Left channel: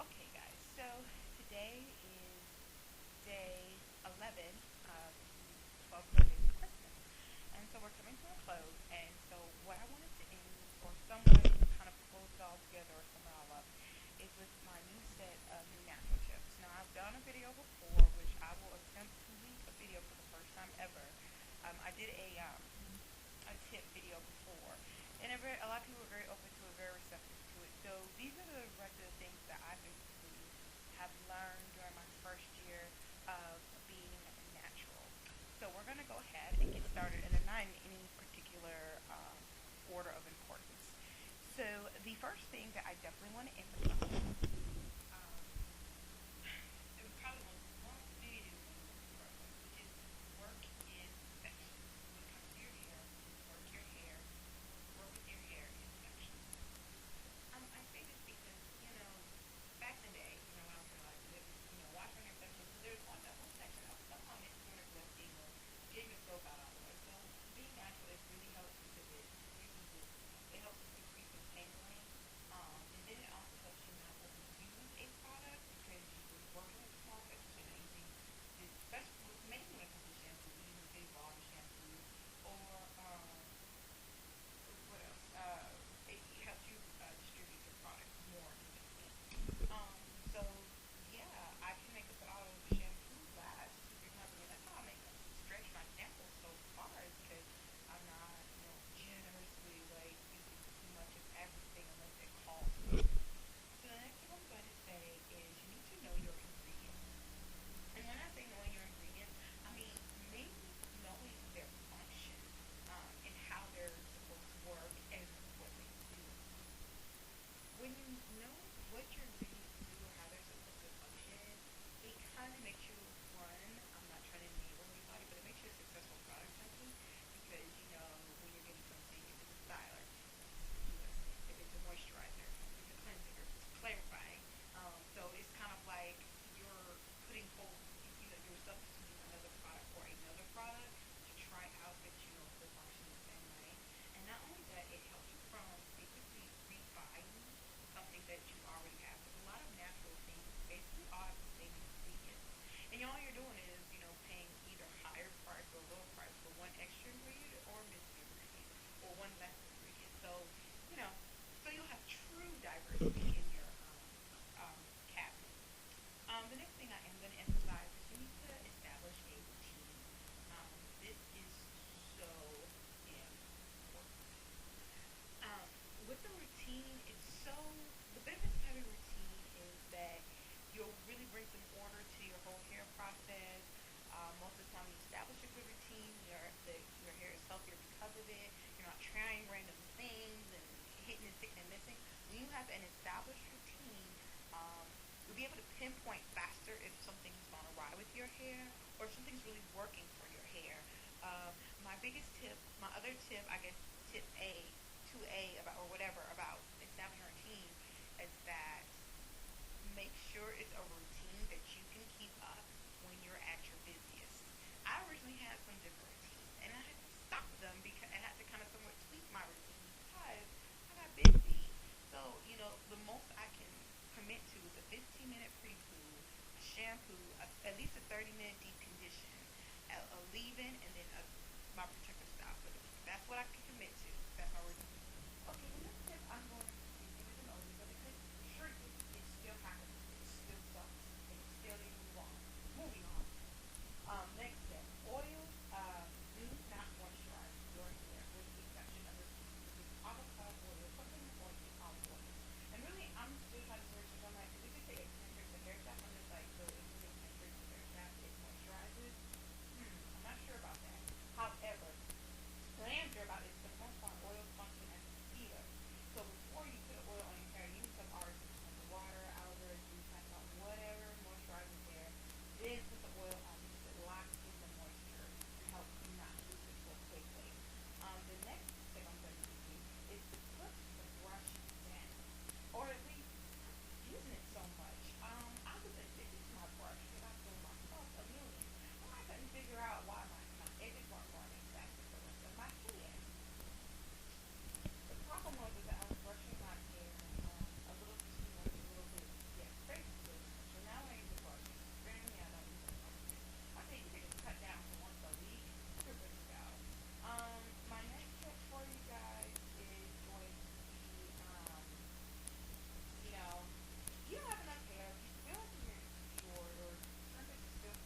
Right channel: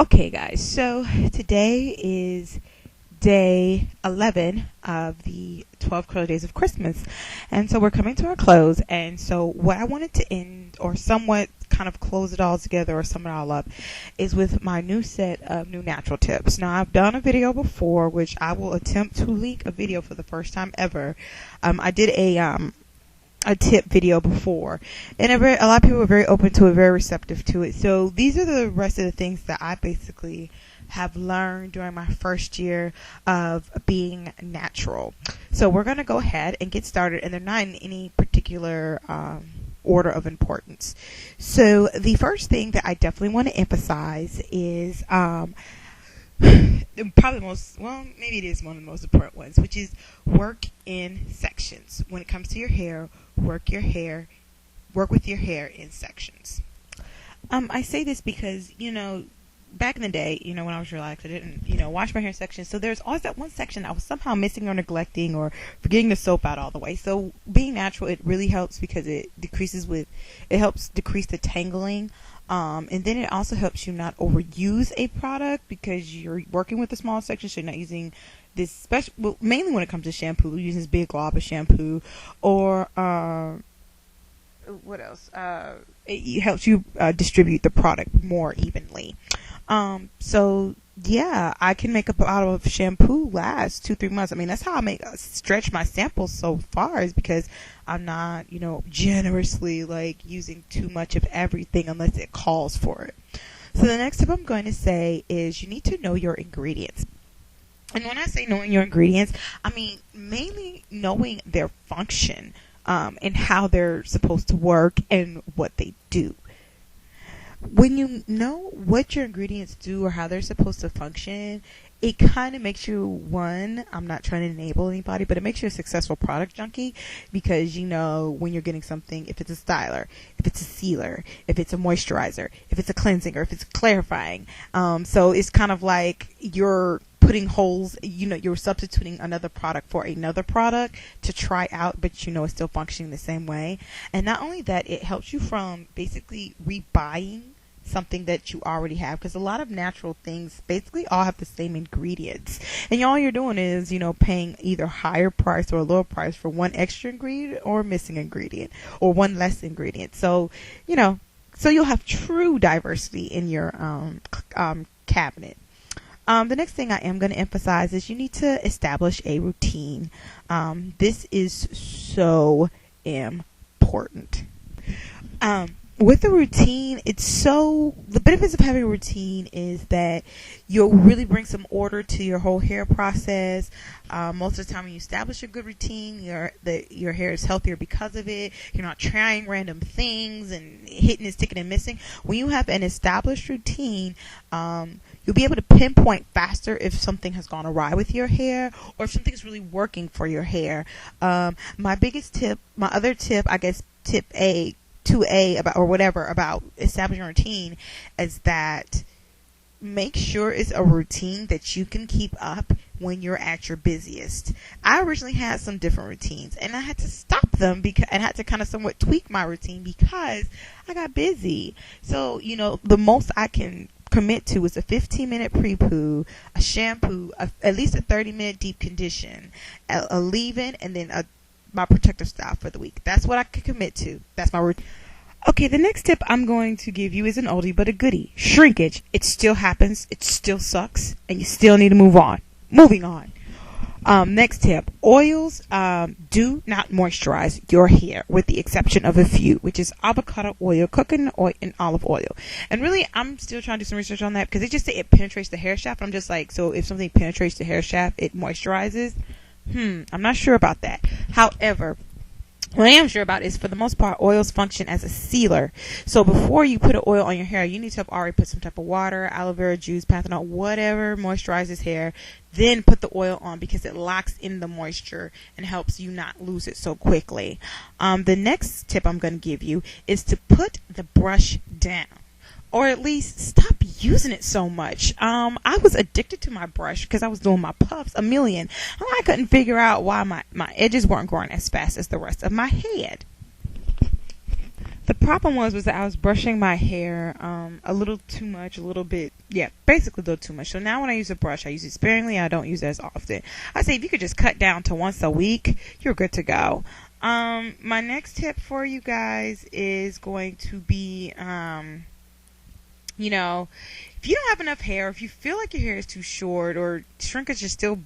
Okay, guys, so today is day 11 of the 12 curly days of Christmas. And so we're coming to our close. And so, what I wanted to end or somewhat kind of close it all together or sum it all up is with my new set of new natural tips. Now, I've done a video before, which I will attempt to link a video for the first time ever. I did a tip video before, and a lot of people were very open to it, very receptive to it. So these are the rest of the things that I basically have learned during my first year of being natural. So we're going to go ahead and get started, and they're not in any particular order of importance. So the first thing that I definitely want to emphasize is probably the most, well, maybe it is one of the most important ones, which is work in sections. When it comes to your hair, work with your hair in sections. I say this because, back in the day, when I was relaxed, I didn't, wash my hair in sections. So there's always that one section I was somehow missing or neglecting or forgetting the soap out all the way. So being natural, it really helps because it helps decrease the tangling. And then it also helps you not overuse a product because you're working with a small section, so you're not using this special, well, mainly when it comes to shampoo, using this big glob of shampoo, or what else? It helps you distribute the product more evenly. So yeah, I can make a bottle of shampoo last 2-3 months. I mean, that's how I stretch my samples so far, is because I'm not, generously like using too much of everything unless it calls for it. So the next tip I'm going to say is you need to know your ingredients. And when I say knowing your ingredients, I mean mainly knowing their function, and how they're supposed to work and what they do. When you know what your ingredients do or how they're supposed to function, it kind of makes you, one, I'm not trying to enable anybody, but it makes you a successful product junkie, because when you're getting something, if it's a styler, if it's a sealer, if it's a moisturizer, if it's a cleansing, or if it's clarifying. So it's kind of like you're putting holes, you're substituting another product for another product to try out, but it's still functioning the same way. And not only that, it helps you from basically rebuying something that you already have, because a lot of natural things basically all have the same ingredients, and all you're doing is paying either higher price or a lower price for one extra ingredient or missing ingredient or one less ingredient. So you'll have true diversity in your cabinet. The next thing I am going to emphasize is you need to establish a routine. This is so important. With a routine, the benefits of having a routine is that you'll really bring some order to your whole hair process. Most of the time when you establish a good routine, your hair is healthier because of it. You're not trying random things and hitting and sticking and missing. When you have an established routine, you'll be able to pinpoint faster if something has gone awry with your hair or if something's really working for your hair. My other tip, I guess tip A, 2A about establishing a routine, is that make sure it's a routine that you can keep up when you're at your busiest. I originally had some different routines, and I had to stop them and had to kind of somewhat tweak my routine because I got busy. So, the most I can commit to is a 15-minute pre-poo, a shampoo, at least a 30-minute deep condition, a leave-in, and then my protective style for the week. That's what I could commit to. That's my routine. Okay, the next tip I'm going to give you is an oldie but a goodie. Shrinkage. It still happens. It still sucks. And you still need to move on. Moving on. Next tip. Oils do not moisturize your hair, with the exception of a few, which is avocado oil, coconut oil, and olive oil. And really, I'm still trying to do some research on that because they just say it penetrates the hair shaft. I'm just like, so if something penetrates the hair shaft, it moisturizes? I'm not sure about that. However, what I am sure about is, for the most part, oils function as a sealer. So before you put an oil on your hair, you need to have already put some type of water, aloe vera juice, panthenol, whatever moisturizes hair. Then put the oil on because it locks in the moisture and helps you not lose it so quickly. The next tip I'm going to give you is to put the brush down, or at least stop using it so much. I was addicted to my brush because I was doing my puffs a million. I couldn't figure out why my edges weren't growing as fast as the rest of my head. The problem was that I was brushing my hair a little too much, a little bit, yeah, basically a little too much. So now when I use a brush, I use it sparingly. I don't use it as often. I say if you could just cut down to once a week, you're good to go. My next tip for you guys is going to be, you know, if you don't have enough hair, if you feel like your hair is too short or shrinkage is still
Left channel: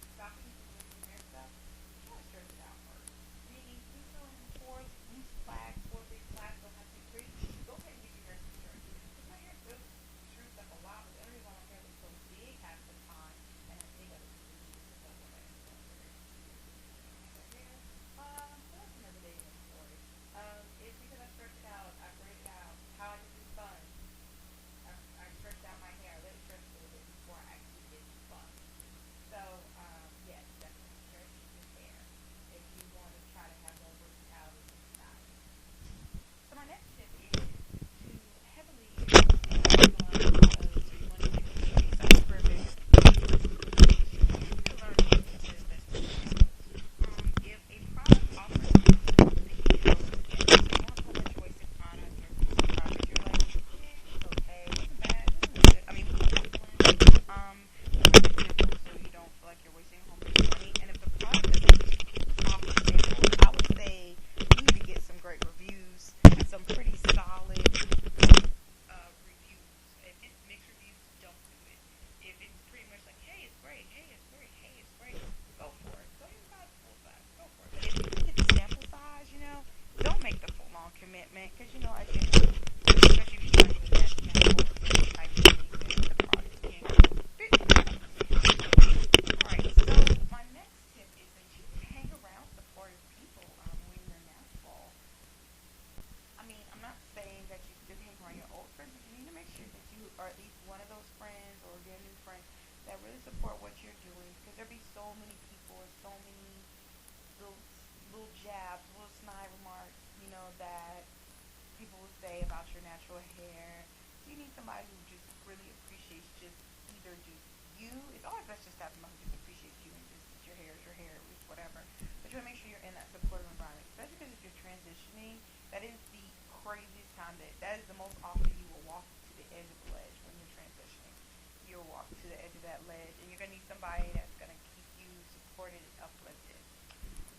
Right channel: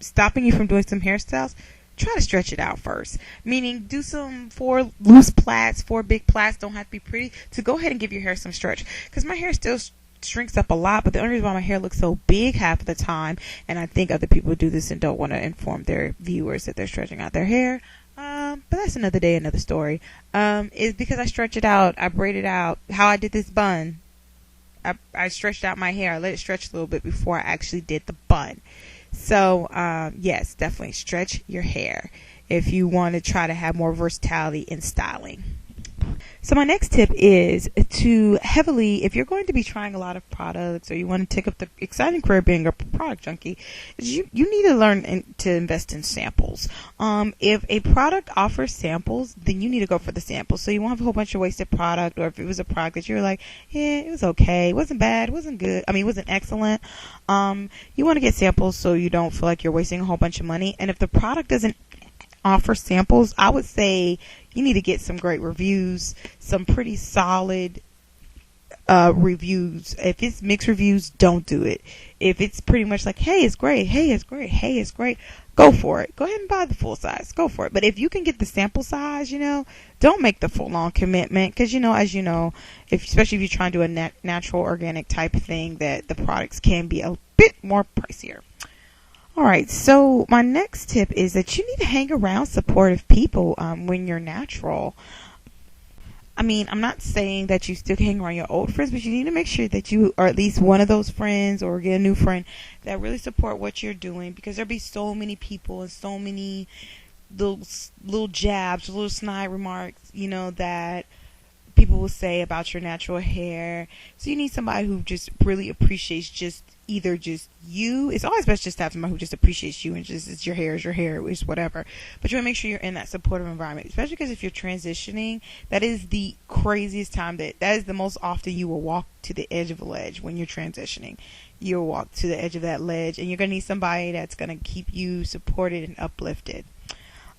stopping you from doing some hairstyles, try to stretch it out first. Meaning, do some 4 loose plaits, 4 big plaits. Don't have to be pretty. So go ahead and give your hair some stretch. Because my hair still shrinks up a lot, but the only reason why my hair looks so big half of the time, and I think other people do this and don't want to inform their viewers that they're stretching out their hair, but that's another day, another story, is because I stretch it out, I braid it out. How I did this bun, I stretched out my hair. I let it stretch a little bit before I actually did the bun. So, yes, definitely stretch your hair if you want to try to have more versatility in styling. So my next tip is to heavily, if you're going to be trying a lot of products or you want to take up the exciting career being a product junkie, you need to learn to invest in samples. If a product offers samples, then you need to go for the samples. So you won't have a whole bunch of wasted product, or if it was a product that you're like, yeah, it was okay, it wasn't bad, it wasn't good, it wasn't excellent. You want to get samples so you don't feel like you're wasting a whole bunch of money. And if the product doesn't offer samples, I would say you need to get some great reviews, some pretty solid reviews. If it's mixed reviews, don't do it. If it's pretty much like, hey, it's great, hey, it's great, hey, it's great, go for it. Go ahead and buy the full size. Go for it. But if you can get the sample size, don't make the full-on commitment because, as you know, especially if you're trying to do a natural, organic type of thing, that the products can be a bit more pricier. Alright, so my next tip is that you need to hang around supportive people when you're natural. I'm not saying that you still can hang around your old friends, but you need to make sure that you are at least one of those friends or get a new friend that really support what you're doing, because there'll be so many people and so many little jabs, little snide remarks, that people will say about your natural hair. So you need somebody who just really appreciates just you. It's always best just to have somebody who just appreciates you and just is your hair, it's whatever. But you want to make sure you're in that supportive environment, especially because if you're transitioning, that is the craziest time. That is the most often you will walk to the edge of a ledge when you're transitioning. You'll walk to the edge of that ledge, and you're going to need somebody that's going to keep you supported and uplifted.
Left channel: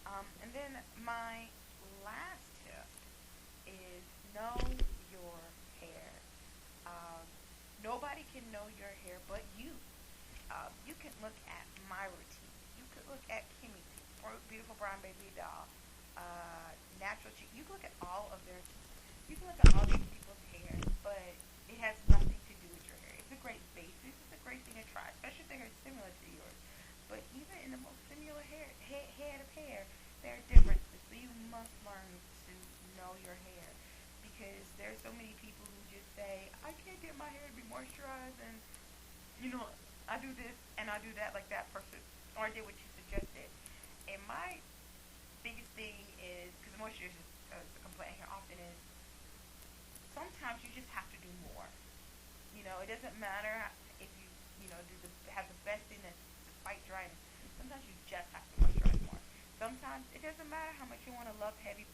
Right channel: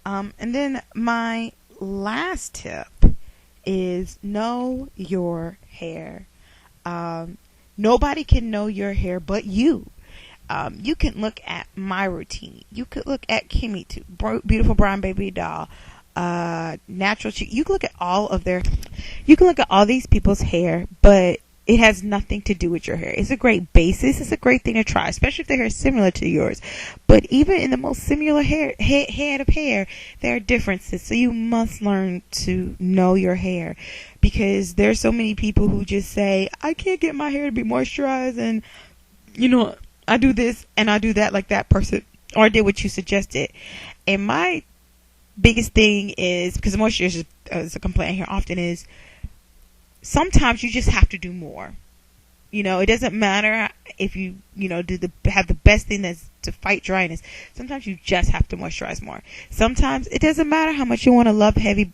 And then my last tip is know your hair. Nobody can know your hair but you. You can look at my routine. You could look at Kimmy too, beautiful brown baby doll, natural cheek. You can look at you can look at all these people's hair, but it has nothing to do with your hair. It's a great basis. It's a great thing to try, especially if their hair is similar to yours. But even in the most similar head of hair, there are differences. So you must learn to know your hair, because there's so many people who just say, I can't get my hair to be moisturized, and I do this and I do that like that person, or I did what you suggested. And my biggest thing is, because the moisture is a complaint I hear often, is sometimes you just have to do more. It doesn't matter if you have the best thing that's to fight dryness. Sometimes you just have to moisturize more. Sometimes it doesn't matter how much you want to love heavy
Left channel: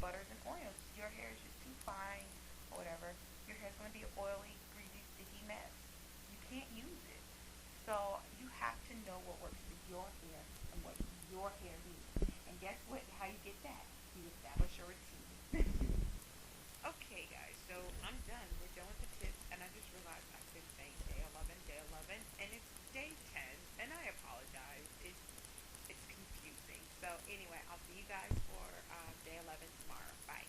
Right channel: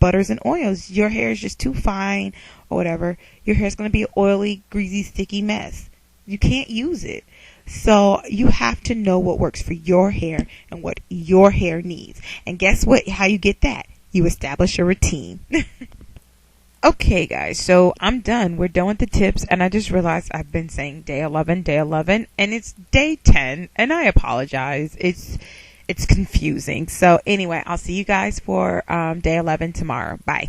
butters and oils. Your hair is just too fine or whatever. Your hair is going to be an oily, greasy, sticky mess. You can't use it. So you have to know what works for your hair and what your hair needs. And guess what? How you get that? You establish a routine. Okay, guys, so I'm done. We're done with the tips, and I just realized I've been saying day 11, and it's day 10, and I apologize. It's confusing. So anyway, I'll see you guys for day 11 tomorrow. Bye.